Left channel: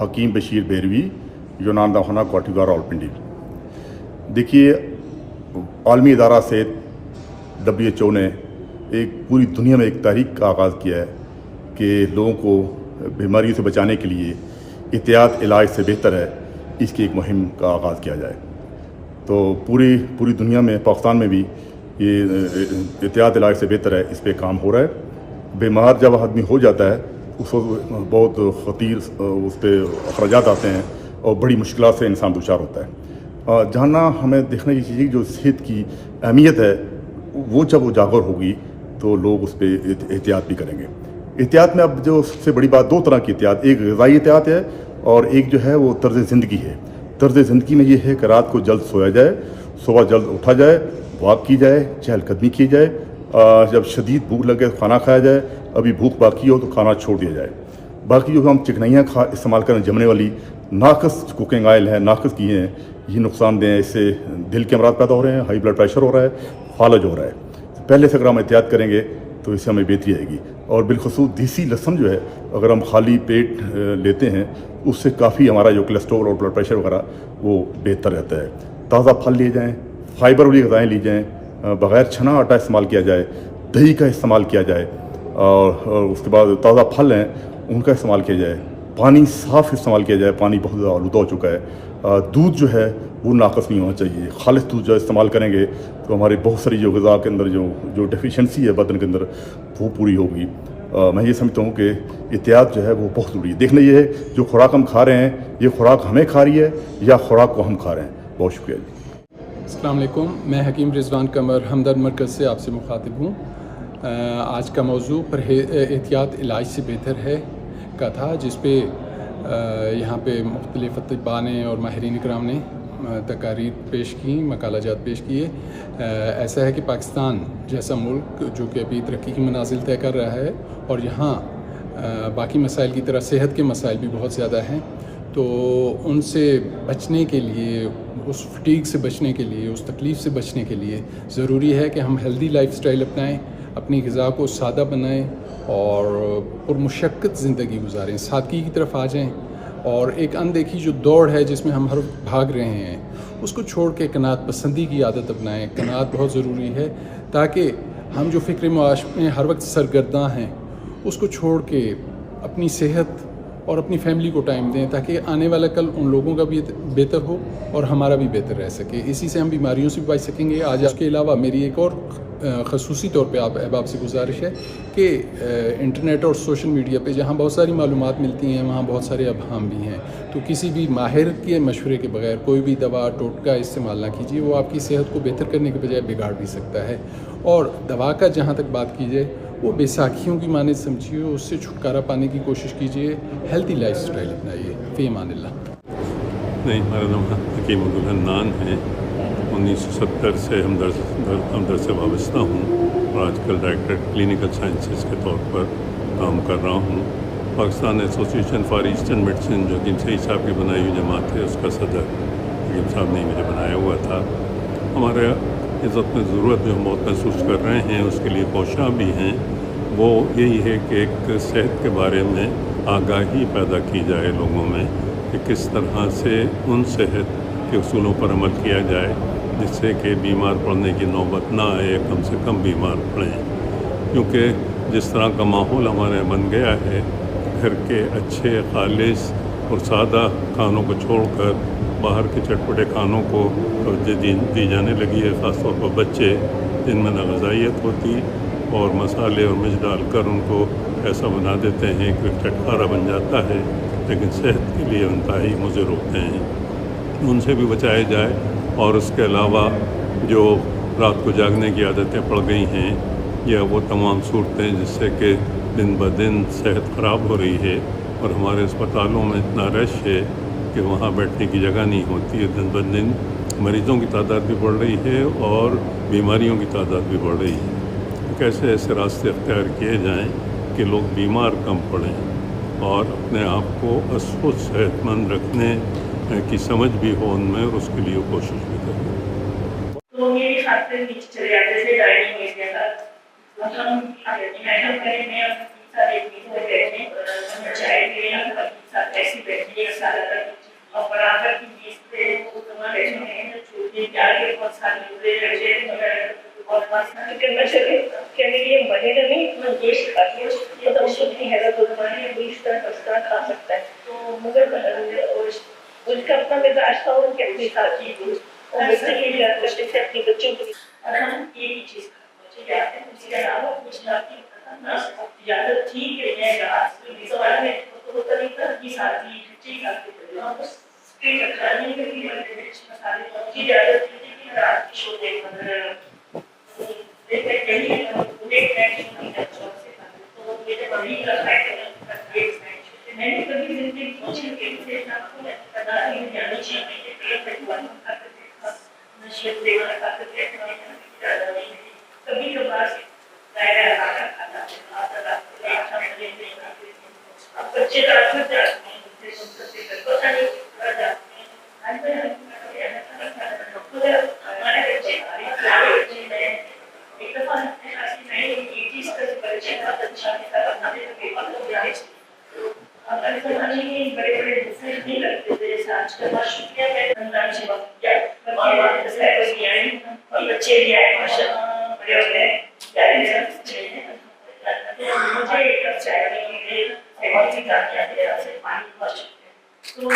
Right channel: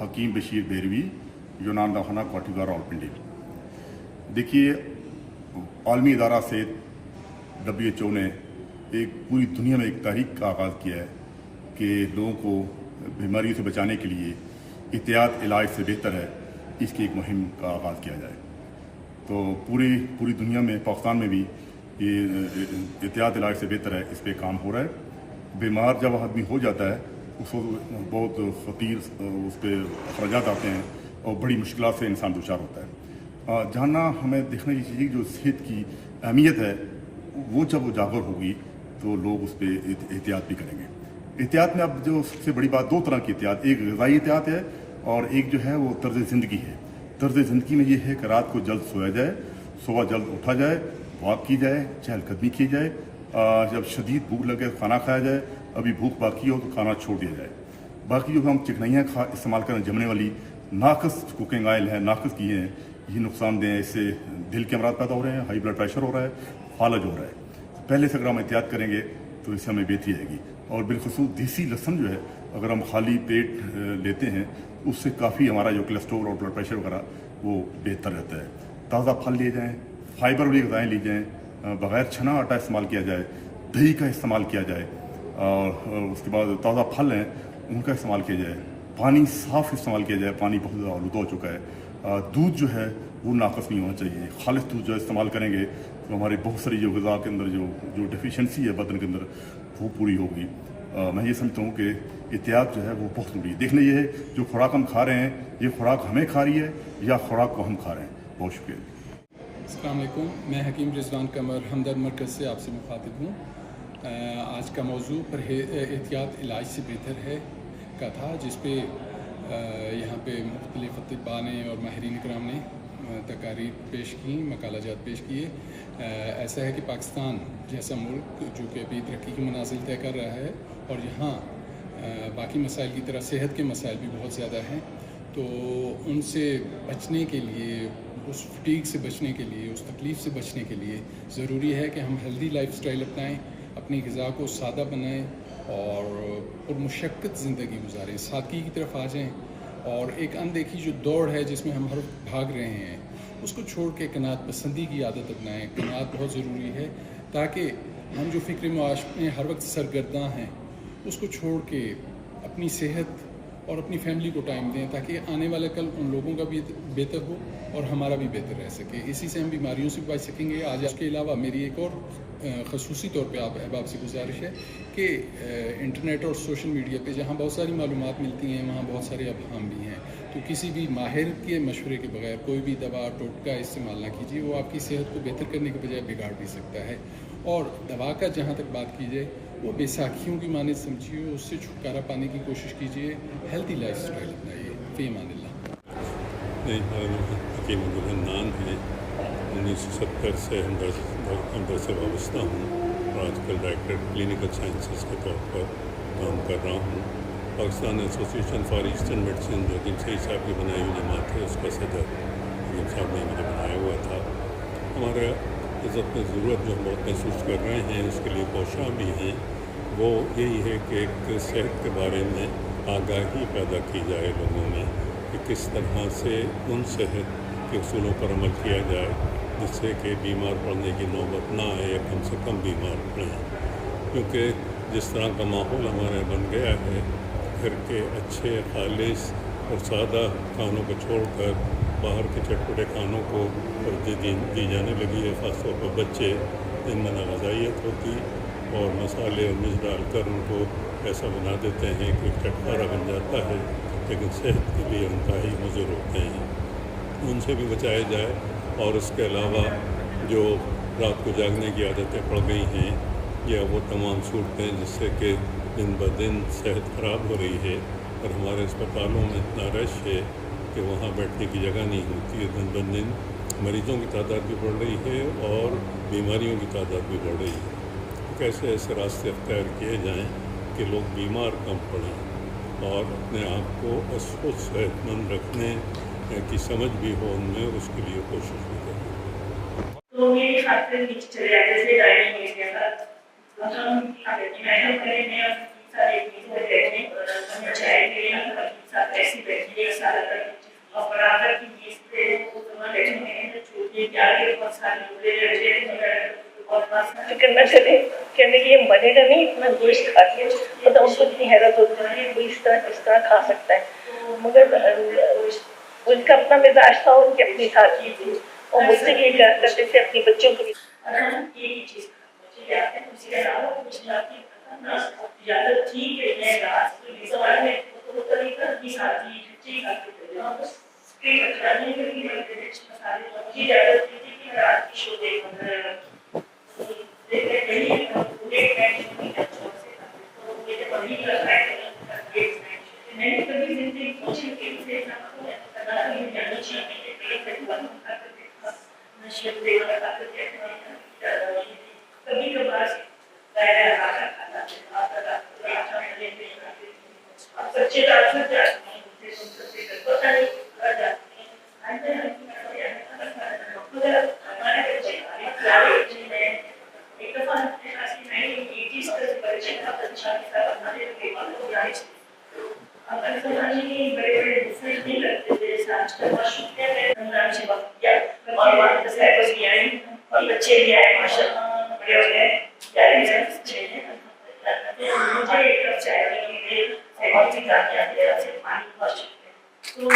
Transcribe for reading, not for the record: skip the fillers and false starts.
हकीम बशीर बेरवी, यूनान दवाखाना कोटिगा रावलपिंडी। देखिए, आलमी इदारा से WHO ने एक पूरी दुनिया में एक तहरीक का आगाज़ किया है कि लोगों को बीमारियों से बचाने के लिए एहतियात इलाज से बेहतर है, इसकी एक मुहिम का आगाज़ किया जाए। तो पूरी दुनिया में, पाकिस्तान में भी ये एहतियात इलाज से बेहतर है, इस पर काम हो रहा है। बीमार जब आदमी हो जाता है उस वक्त बहुत ख़तीर उस पर अखराजात आते हैं और बड़ी मुश्किल से इंसान दुचार होता है। जानना हमें देखने की चीज़ जो सेहत की अहमियत है, वो जब उजागर होगी तो लोग उस पर एहतियात भी करेंगे। एहतियात में अब जो सबसे बड़ी बात, दो तरह की एहतियात, एक ग़िज़ाई एहतियात है और एक जो है वो तर्ज़ ज़िंदगी है। तर्ज़ ज़िंदगी में ये है कि रात को जल्द सोया जाए, सुबह जल्द उठा जाए, वॉक की जाए, चहलकदमी की जाए, जब शदीद भूख लगे खाना खाया जाए, अभी भूख बाकी हो तो खाना छोड़ दिया जाए। बाकी जो हम चिकनाइयाँ इस्तेमाल करें, जमने वाली नाकस कुकिंग ऑयल है, नाकस की हैं, ये नुकसानदेह है। इससे दिल के अमराज पैदा हो रहे हैं, हाई ब्लड प्रेशर हो रहा है, फालज हो रहा है। पहले से अगर हम एहतियात करेंगे तो इससे हमें बेहतरी आएगी। और बिलखसूस देसी लहसुन जो है, अगर हम खाली पेट लेते हैं, उससे काफ़ी हमारा जो कोलेस्ट्रॉल और ब्लड प्रेशर वगैरह वो बेहतर रहता है। ताज़ा फल लिए जाएँ, फाइबर वाली ग़िज़ाएँ ली जाएँ, बग़ैर छना आटा इस्तेमाल किया जाए, दही का इस्तेमाल किया जाए, और उसके बाद ताज़ा फल हैं उनका इस्तेमाल किया जाए, पानी साफ़ इस्तेमाल किया जाए, पानी बहुत ज़्यादा आलूदा हो चुका है। दूध जो है वो नाकस नहीं होना चाहिए, खालिस दूध जो इस्तेमाल करेंगे तो हमारी बहुत सारी जो ग़िज़ा के अंदर जो डेफिशिएंसी है बदन के अंदर वो पूरी होगी। मैं ये समझता हूँ कि एहतियात जो है वो बहुत ज़रूरी है। देखना ये है जो खुराक हम खा रहे हैं, ये खुराक हमें खा रही है या खुराक को हम खा रहे हैं। बहुत शुक्रिया जी। अस्सलाम वालेकुम, मैं हकीम रिजवान कमर हमदर्द मरकज़ से आपसे मुखातिब हूँ। आज का मौजू एहतियात इलाज से बेहतर है का था, जिस पे यहाँ पे मुख्तलिफ़ अतिबा ने और माहिरीन इकराम ने तकारीर पेश की, मकालाजात पेश किए। ऐसा है कि पाकिस्तान जैसा मुल्क जो कि अभी तरक्की की मनाजिल तय कर रहा है और यहाँ बाकी मसाइल की तरह सेहत के मसाइल भी बहुत ज़्यादा हैं, तो उनसे बचने के लिए, उस फटीग से बचने के लिए, उस तकलीफ़ से बचने के लिए ज़रूरी है कि हम हेल्दी लाइफस्टाइल अपनाएं, अपनी ग़िज़ा को सादा बनाएं और पुरमुशक्क़त ज़िंदगी गुजारें, सादगी की तरफ आ जाएं। और एक अनदेखी जो दौड़ है जिसमें हम हर भाग रहे हैं, उसको छोड़ के कनात पसंदी की आदत अपनाएं। कनात बहुत ज़रूरी है ताकि हम जो फ़िक्र मुआश में हर वक्त सरगर्दा हैं उसको छोड़ के अपनी सेहत और अपनी फैमिली को टाइम दें, ताकि आने वाला कल उन लोगों का भी बेहतर हो और हमारा भी बेहतर रह सके। इसी से हम बीमारियों से भी बच सकेंगे। आज उसके अलावा मेरी एक और ख़ुसूसी तौर पे आप अहबाब से गुजारिश है कि इंटरनेट और सोशल मीडिया पे जहाँ बहुत सारी मालूमात मिलती हैं, वहाँ बहुत सारे अबहाम भी हैं। तो किसी भी माहिर के मशवरे के बगैर कोई भी दवा टोटका इस्तेमाल ना कीजिए, वो आपकी सेहत को बेहतर करने के बजाय बिगाड़ भी सकता है। और दवा का जहाँ तक बात की जाए, वो बैसाखियों की माने समझिए, उससे छुटकारा पाने की कोशिश कीजिए, हेल्थी लाइफ स्टाइल अपनाइए। फ़ी अमानिल्लाह। नहीं, हमारा नाम हकीम अब्दुल हन्नान है। 1970 से हमदर्द से वाबस्ता हूँ और आजकल डायरेक्टर क्लिनिकल साइंसेस के तौर पर काम कर रहा हूँ। Pakistan association for eastern medicine, जो हकीम सईद साहब की बनाई हुई जमात है, उसका सदर हकीम साहब ने मुझे बनाया हुआ था। हमारे इज़्ज़त में ज़रूरत जो हम बहुत महसूस कर रहे हैं, उसके लिए कोशिशां भी हैं, वो यही है कि एक सेहत के बारे में आगाही पैदा की जाए लोगों में, कि किस तरह से उन सेहत के उसूलों पर अमल किया जाए जिससे कि बीमार पड़ने की नौबत ना आए, कम से कम बीमार पड़ें। क्योंकि जिस तरह का माहौल हमारे बन गया है, घर के अच्छे खालिस और सादा खानों को छोड़कर बाहर के चटपटे खानों को तवज्जो दी जाने लगी है, ख़ासतौर पर बच्चे, जिनमें नाग़ज़ाइयत होती और मसाले और मिर्च डालकर उनको ऐसा बना देते हैं कि चटखारा बन जाता है, लेकिन सेहत के लिए इंतहाई मुज़िर होते हैं। उनसे भी बचाया जाए। और उसके अलावा जो रात को जागने की आदतें पड़ गई हैं, या वो तमाम सूरतें जिससे कि दिन ब दिन सेहत ख़राब हो रही है और हमारे अस्पतालों में इतना रश है कि वहाँ बैठने की जगह नहीं होती है। दिन ब दिन मरीज़ों की तादाद भी बढ़ रही है और बीमारियों की तादाद भी बढ़ रही है। तो कैसे ऐसे रास्ते अख्तियार किए जाएँ कि लोग बीमार कम पड़ें और अपने आप को अस्वस्थ सेहतमंद रखने की समझ भी हो उनमें, और उसके लिए कोशिश भी करें। तो मेरे हाथ से नीचे चले जाते थे, डाइनिंग एरिया का मतलब हम मेहनत करेंगे और सारे चीज़ हो जाएंगे और चाय के लिए साथ ऐसी बैठी एक साल तक और बराबर की बीच पे वो तुम्हारे जो है छोटे प्यार के बहुत सारे बुरे लड़के और करना चले कहने की ये बनेगा नहीं इतना गोश्त खा के मतलब उसको इतनी हैरत होती है वो इस तरह खा सकता है मगर उनका अपना मिजाज था और उनकी अपनी साथी थी और मुझसे ये प्यार करते थे अपने बच्चों के लिए और हम एक ही चीज खाते हैं उसके अलावा कुछ ना ज्यादा ठीक है सवाल में तो तरीका की साथी ठीक है स्ट्रीट खाने के लिए मसाले की ज्यादा की रात की शो दे मैंने कभी जिंदगी कोशिश की थी जानी चाहिए कभी कभार बच्चे रात में पता नहीं हमारे बच्चे एक दफा अगर समाजी बड़े बड़े डिसीजन नहीं करते थे जैसे आज का बहुत शुक्रिया है रमजान से वक्त दिया और बस भी आए और बच्चे भी आए माशाल्लाह बड़े हो गए प्यारे सब अच्छे हैं मुझे एक कप चाय के लिए बहुत ही कामयाब है पानी बहुत शुक्रिया तो